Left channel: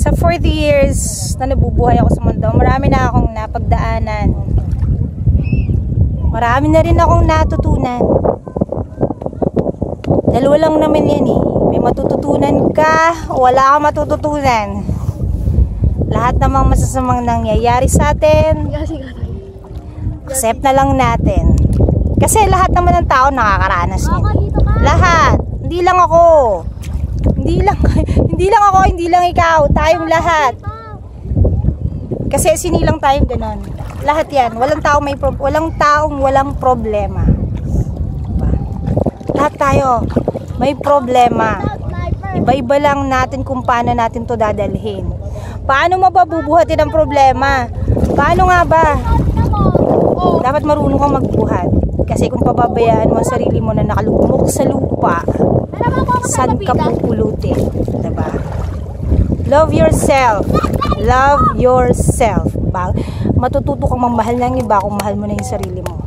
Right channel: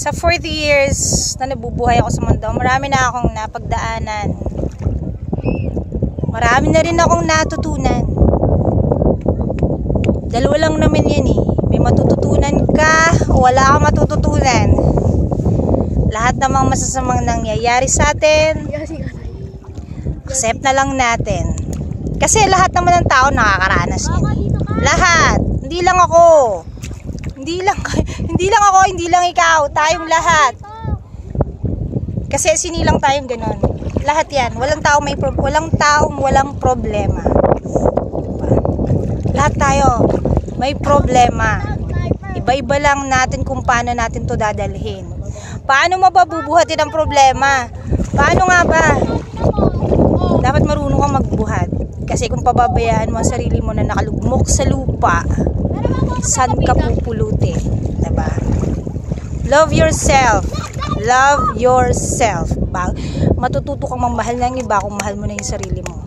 Sa 40 years na nabubuhay ako sa mundo, marami na akong napagdaanan. Marami na rin akong natutunan. Dalawa lang naman yan eh. May matututunan ka o wala kang matututunan. Lahat namang masasamang nangyayari sa atin, accept na lang natin. Kasi lahat naman ng tao nakakaranas yan eh. Lahat. Hindi lang ako. Hindi lang ako, hindi lang ikaw. Tayong lahat. Kasi sinilang tayong ganon. Lahat yan. Walang taong walang problema. Diba? Lahat tayo may problema. Iba-iba lang natin kung paano natin to dadalhin. Paano mababubuhatin ang problema? Paano nga ba? Dapat marunong kang magbuhat. Kasi kung pababayaan mo ang sarili mo na nakalugmok sa lupa, saan ka pupulutin? Diba? Love yourself. Love yourself. Matututo kang mamahal ng iba kung mahal mo na yung sarili mo.